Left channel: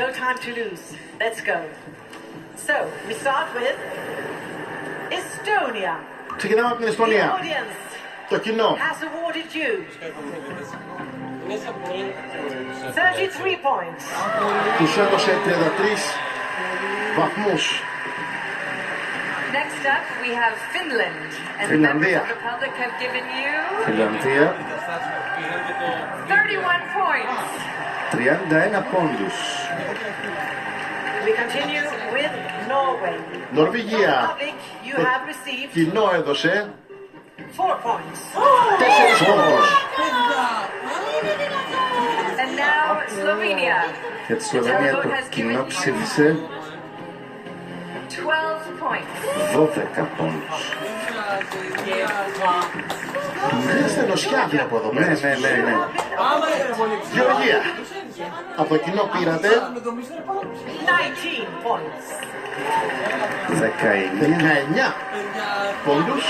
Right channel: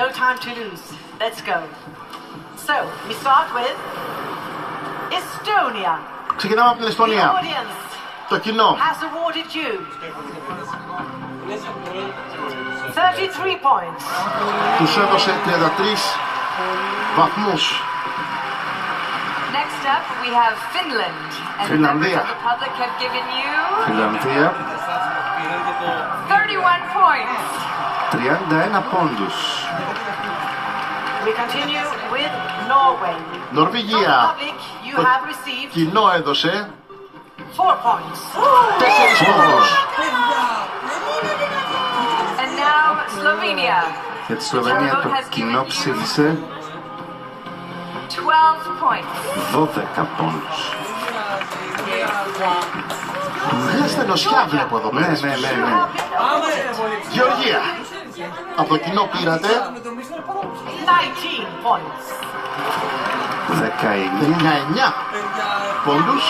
No time to lose. Let's go. So, we start with Estonia. Ξεκινάμε από την The Εστονία. audience Το κοινό. has awarded you 33 points. Τους έδωσε 33 βαθμούς. Next up, we have Finland. And the Finlandia. members of the public have given you Φιλανδία, 31 points. 31 πόντους. We continue with Norway. Νορβηγία. From the public, you Το have received κοινό έδωσε 4 points. 4 πόντους. And now Slovenia. Για τη Σλοβενία το κοινό ψήφισε 12 points. 12 πόντους. Μια στενοσιά βλέπω εδώ Ναι, πέρα. ναι, ναι, ναι. Γεωργία. Από το κοινό πήρατε 19 points. 19 19 πόντους.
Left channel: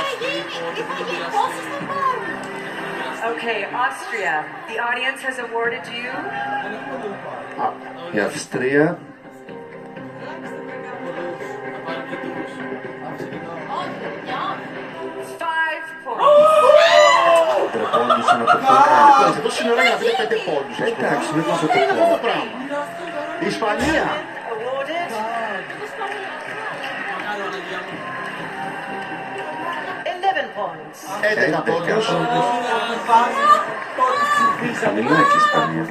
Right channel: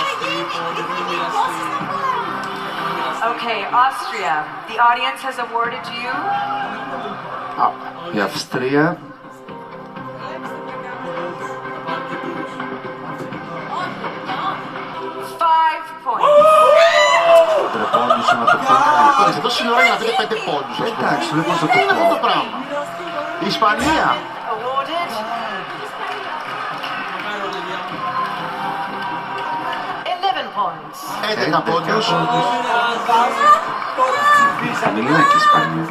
Okay, Austria. The audience has awarded you η Αυστρία 5 points. πόντους να το πω. Εδώ στην ώρα να βρείτε 5 πόντους. ας πούμε. Εντάξει, δεν θα Τι είναι το αυτό το πω. πράγμα. Η Ισπανία. Awarded 11 points. 11 πόντους. Χαμηλά και η Ισπανία.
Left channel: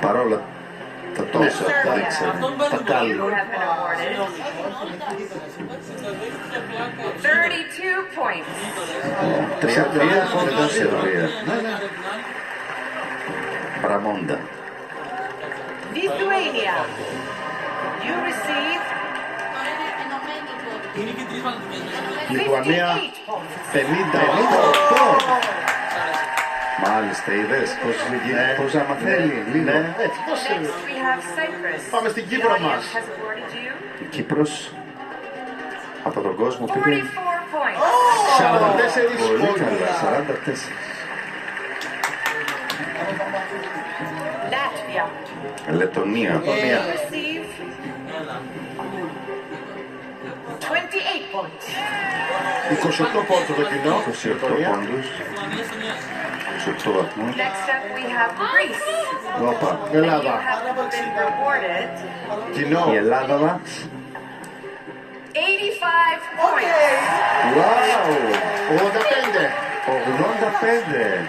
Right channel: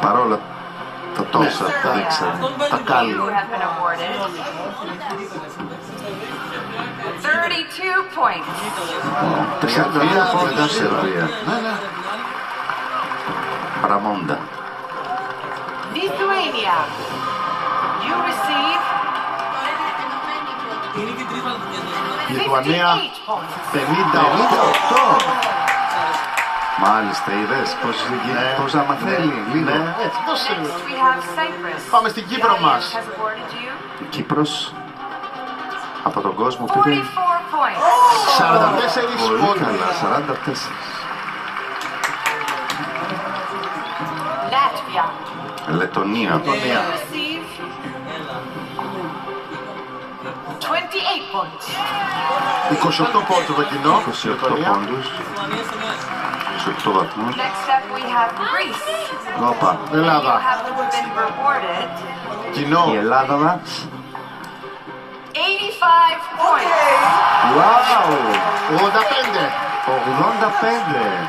Παρόλα τα τόσα που δείξανε. Τα κάλλη. You have been awarded 32 points. 31 πόντους Σερβία. Παραμόντα. Lithuania. You receive Λιθουανία 58 points. 58. Μάλιστα, είδες πώς άμα θέλει λίγο. Ναι, έτσι, δώσε. Next, we have Cyprus. Πάμε στην Κύπρο The μας. audience has awarded you Η Κύπρος από τον κόσμο 44 πήρε points. 44 πολύ πόντους. καλά, 44. Latvia. Λετωνία, You receive 28 points. 28 πόντους το κοινό. 28 πόντους, 28 βαθμούς. Next up, we have Greece. Όπα, You Ελλάδα. have been rewarded Κοινό. η Ελλάδα μας. 85 points. Wow, 85. 85.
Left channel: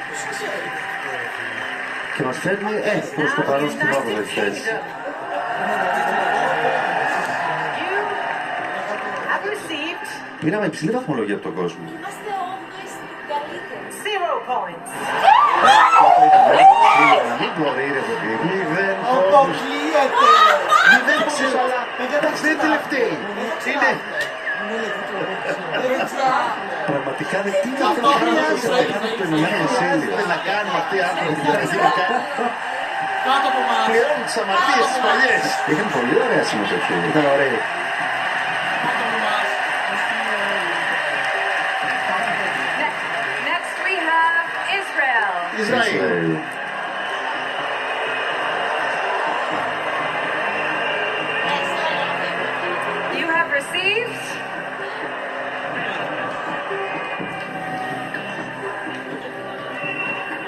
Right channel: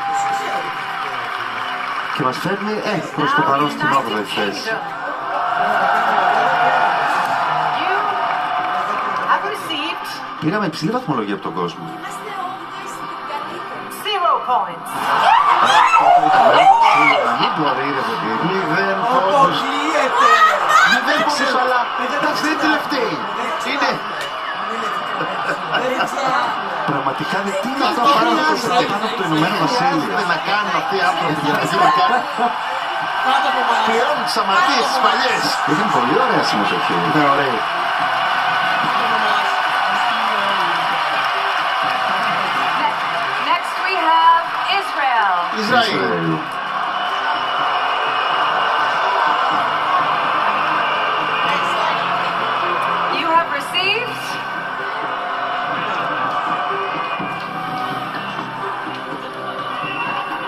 Και μας φέρνει, προς το παρόν στην 8η θέση. You have received Πήραμε υψηλή βαθμολογία από τον κόσμο. 0 points. Μην μπορεί ρε παιδί. 0 πόντους. 0 πόντους, αλλά εντάξει δεν είναι τελευταίοι. Είναι Πραγματικά δεν τι είναι αυτό Αυτό πάνω χρειάζεται. από το Ηνωμένο Βασίλειο. να κάνουν αυτοί οι άνθρωποι δηλαδή να κάνουν. Πληρώνουν τις αμαρτίες τις παλιές. Είχαν πολύ ωραία συμμετοχή. Ήταν ωραίοι. Next, we have Israel. Ισραήλ. Ισραήλ. You have received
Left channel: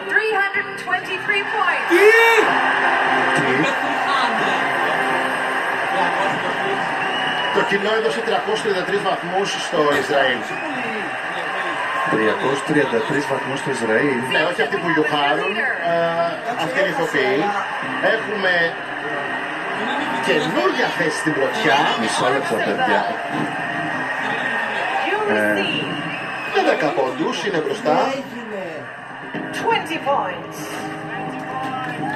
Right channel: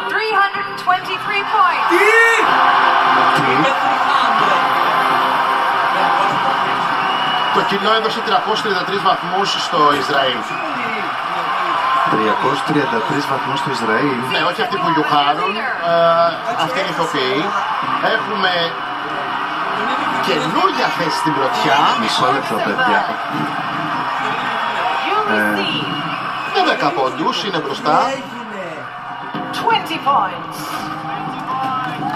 323 points. Το κοινό έδωσε 333 βαθμούς στο Ισραήλ. 333 βαθμούς στο Ισραήλ. Ναι, όχι αυτοί που γιουχάρουν, αυτοί είναι ηθοποιοί. Έχουμε καινούργια θέση στην πρωτιά. Μισό λεπτό, παιδιά. You receive Με 10 πόντους είναι μπροστά. 20 points.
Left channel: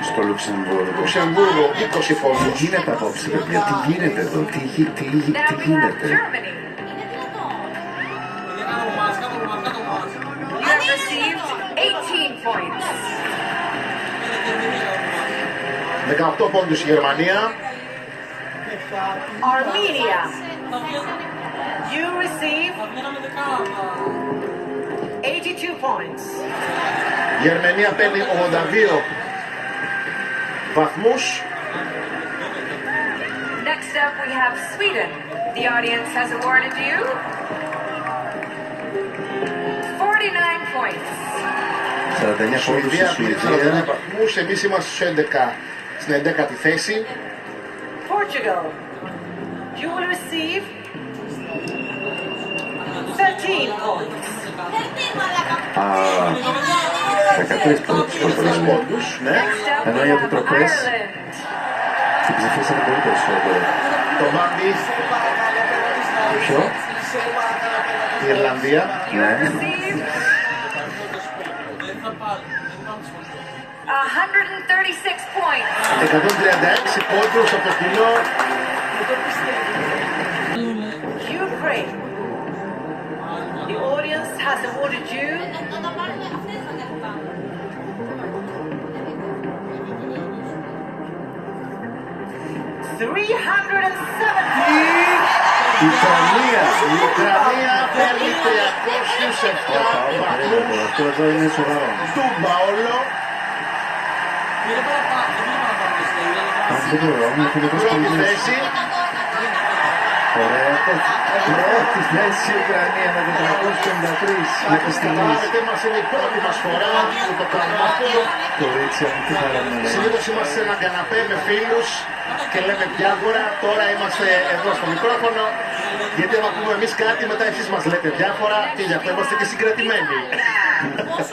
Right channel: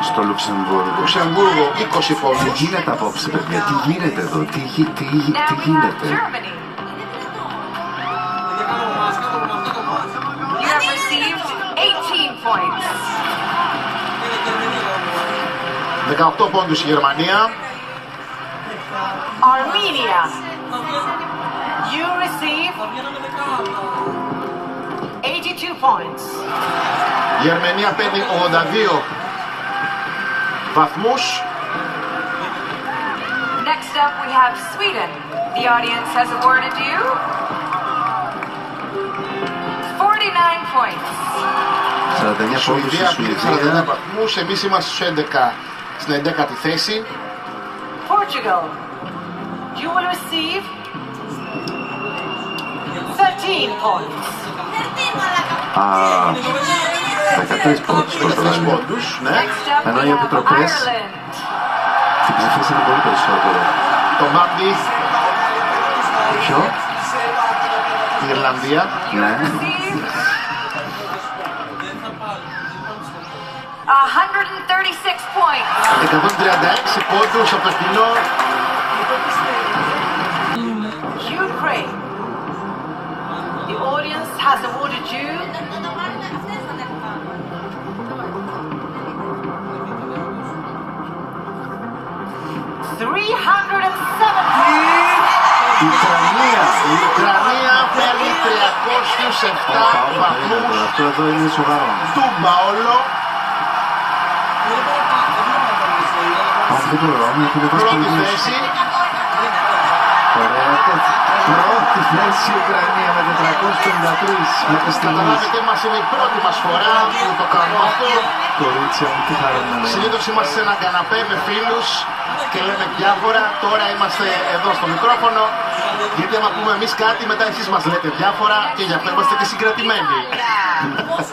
Στο Λουξεμβούργο. Λουξεμβούργο 20 Τι πόντους. γίνεται απόψε, παιδιά, τι γίνεται εδώ, τι Now we have γίνεται. Germany. You have received 18 points. 18 πόντους η Γερμανία. Armenia. You receive 82 points. Η Αρμενία παίρνει 82 βαθμούς. Next up, we have Sweden. The audience has awarded you 49 points. 49 Σουηδία πόντους πήρε στη 49 Σουηδία. βαθμούς, εμείς είμαστε στους 11, στην 11η θέση. Portugal, you will receive 13 points. Α, 13 πόντους. 13 πόντους, ναι. Next up, Ενώ we οι have επιτροπές Ireland. την ψηφίσανε πολύ περισσότερο. Το Μάμπι, Ποιο? η Ιρλανδία. Ναι. Receive 136 points. 136 πόντους από το κοινό. Ukraine, the audience has awarded you 370. Η Ουκρανία. Η Ουκρανία παίρνει 307 βαθμούς. Αυτό εδώ είναι σοβαρό. Τούμπα όλο. Αυτό το ωραίο είναι ότι είναι τόσο Πρώτη πολύ θέση. ωραία. Πρώτη θέση η Ουκρανία με 453 μέχρι στιγμής. Καταλάβετε, μας είναι η πρώτη μας φορά που το κάνουμε αυτό. Κορίτσια μου, τι χαρά να λέω. Συνήθως είμαστε σε ένα καναπέ με φίλους και λέμε διάφορα. Τώρα είμαστε εδώ στο μικρόφωνο. Γιατί άμα πούμε εμείς κάτι, μετά εσείς μας λέτε διάφορα και γι' αυτό είμαστε και συγκρατημένοι.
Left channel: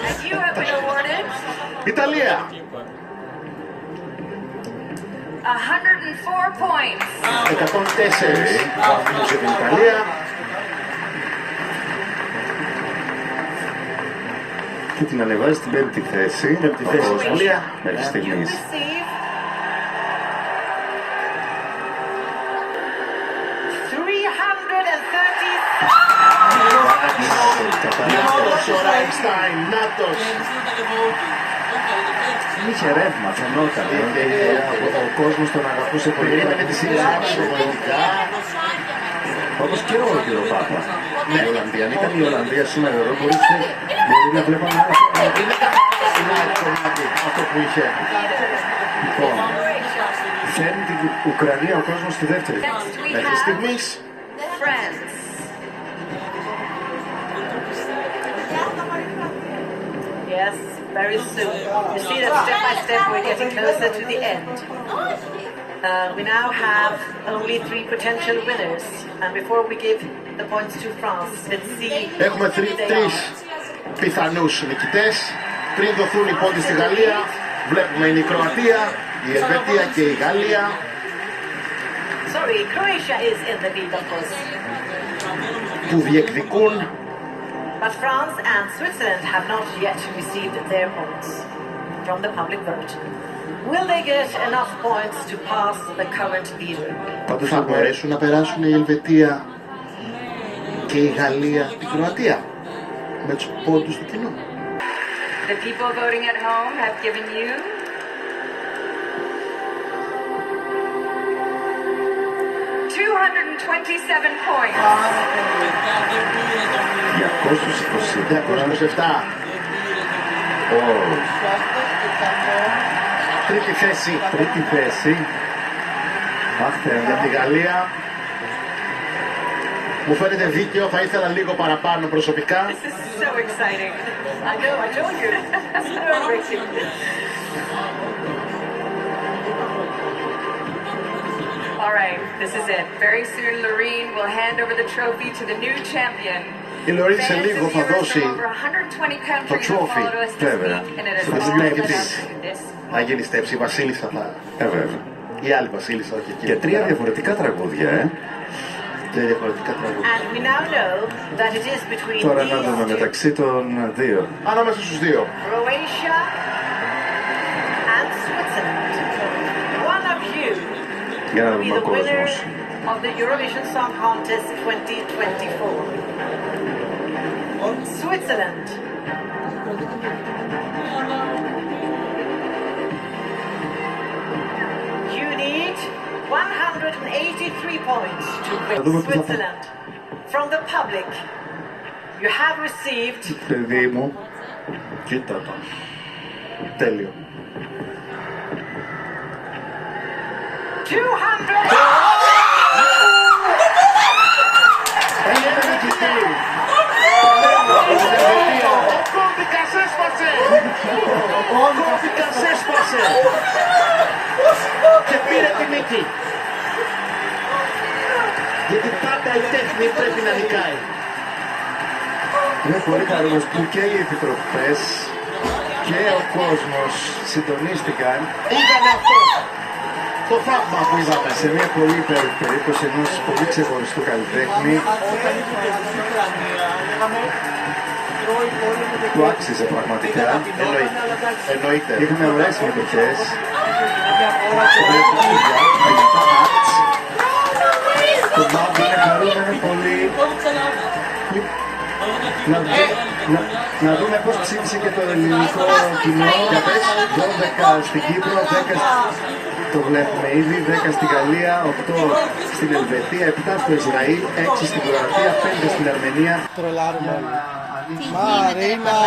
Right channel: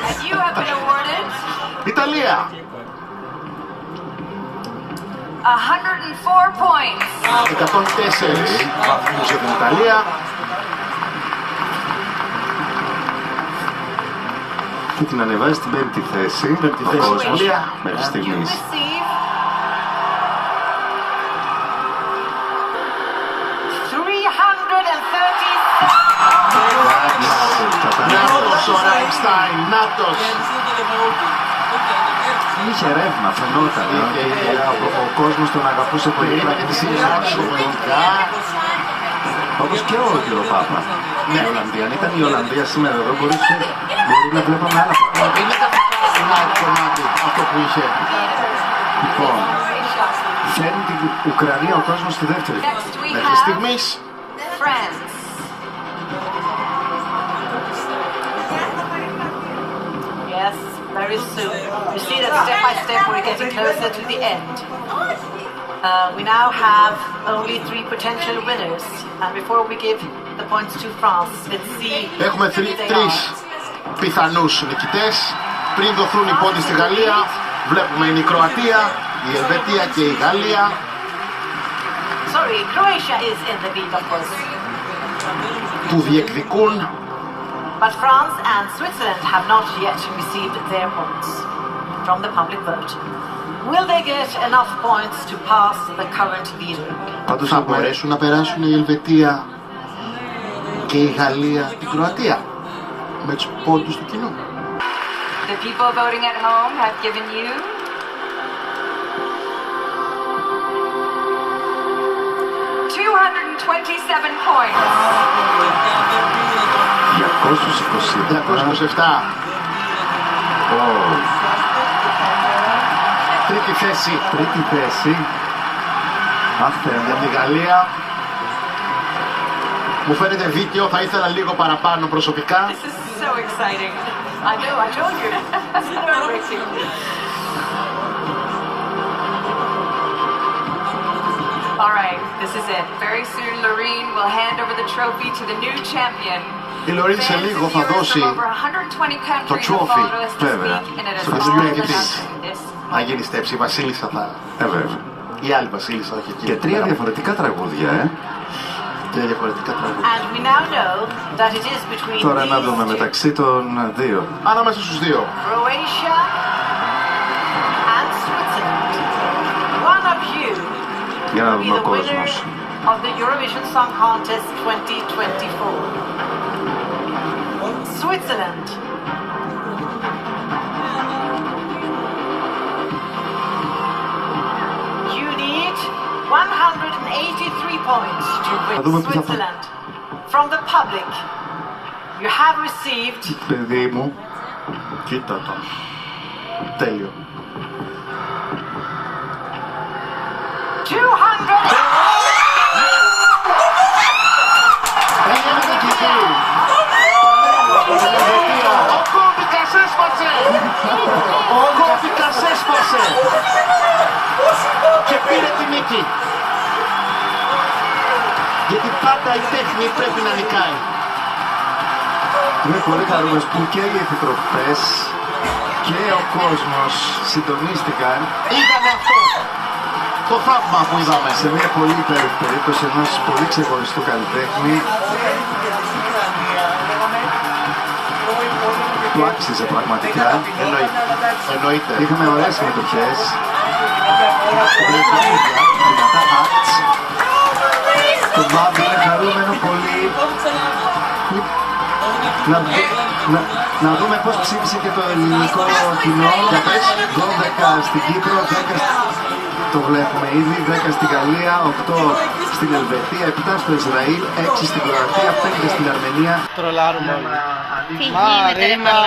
And you have been awarded Ιταλία. 104 points. 104 βαθμούς για την Ιταλία. Και την ανεβάζει στην πέμπτη θέση. Πέμπτη θέση, Ο κόσμος, Ιταλία. μέχρι You στιγμής. receive 337. Νάτος ο Ράιμστάιν, Νάτος. Είχε ρεύμα, φαινόταν. Ο κόσμος τον αγαπούσε πολύ. Περίμενε τη σειρά του πολιτικά. Όπως και ο κύριο Πάπα. Ναι, η Ολλανδία. Αν ήταν η Ολλανδία σήμερα εδώ, μπορεί να βλέπαμε άλλα πράγματα. Είναι ένα κομμάτι αυτό που είχε. Λοιπόν, φέρνει την Ουκρανία ο κόσμος στη δεύτερη. Next we Μέχρι have στιγμής France. Yes, very soon. You see that step by step we're getting closer to the end. We now have only 3 potential winners. And before we give the points to France, let's see έχουμε who they τρεις are. πιθανούς νικητές. Πριν δοθούν οι πόντοι στη Γαλλία, βλέπουμε είναι η Κροατία, η Ελβετία και η Γαλλία. Sorry, Croatia is in the lead, of course. Που διεκδικούν. But France and Switzerland have not yet received their points from the public vote. Will they get enough points to pass the current leader? Πάντως Θα μπορέσουν να περάσουν η Ελβετία και η Γαλλία την Κροατία με τους πόντους του κοινού. The people voting at home have given you 227 points. 227. 227. Τρίτη θέση Τρίτη θέση. Αχ, Θεέ για μου. τη Γαλλία. Μου φαίνεται δίκαιο, θα ήθελα λίγο παραπάνω προσωπικά. This is so exciting. I know, I told you. It's nerve-wracking. All right, this is it. Very soon, Lorene will hand over the trophy to the new champion. Η Λωρίν σε Fans λίγο and θα viewers δώσει from over 120 countries have trophy. followed us this Βέβαια. week, and it has Στο all διπλό been της. this. να γεννηστεύσει. Η Βασίλισσα θα... Βέβαια. Η άλλη Βασίλισσα, όχι εκεί. Και 3 διαφορετικά τραγούδια, 3 διαφορετικά τραγούδια. And we now know that it is between Τώρα να these δούμε two. μεταξύ των δύο. Ανάμεσα στους δύο. Croatia and Switzerland. One of you Για να will be δούμε ο the winner κόσμος. of the Eurovision Song Contest 2024. Switzerland. You need 183 points to δούμε win τι θα Switzerland. From the public, you have received Παιδί μου, Κοίτα το. Τέλειο. 200. Έγινε νικητή. Ο κώδικας έσπασε. Ο κώδικας έσπασε. Και πήρε τη νίκη. Γιατί πάντα η τέχνη πρέπει να νικάει. Είμαι πολύ χαρούμενος που και οι επιτροπές και ο κόσμος συντονίστηκαν Ήταν αυτό το θαύμα που είδαμε. σε μια πολύ υπέροχη περίπτωση ενός πολύ ξεχωριστού καλλιτέχνη που άξιζε πραγματικά. Εννοείται. Είχαμε ωραίες συμμετοχές, δυνατά acts. Το Μάμπ είναι χαρούμενο πολύ να δούμε πώς ψήφισε και το ελληνικό κοινό. Για πες, 12 στην Κύπρο, 10 το βλέπουμε ήδη, 10 στην Γαλλία, 8 στην Ελβετία, 7 στο Ισραήλ, 6 στην Κροατία, 5 στην Αρμενία. Τρολάρουμε όλοι. Τι γίνεται, Μαρίνα!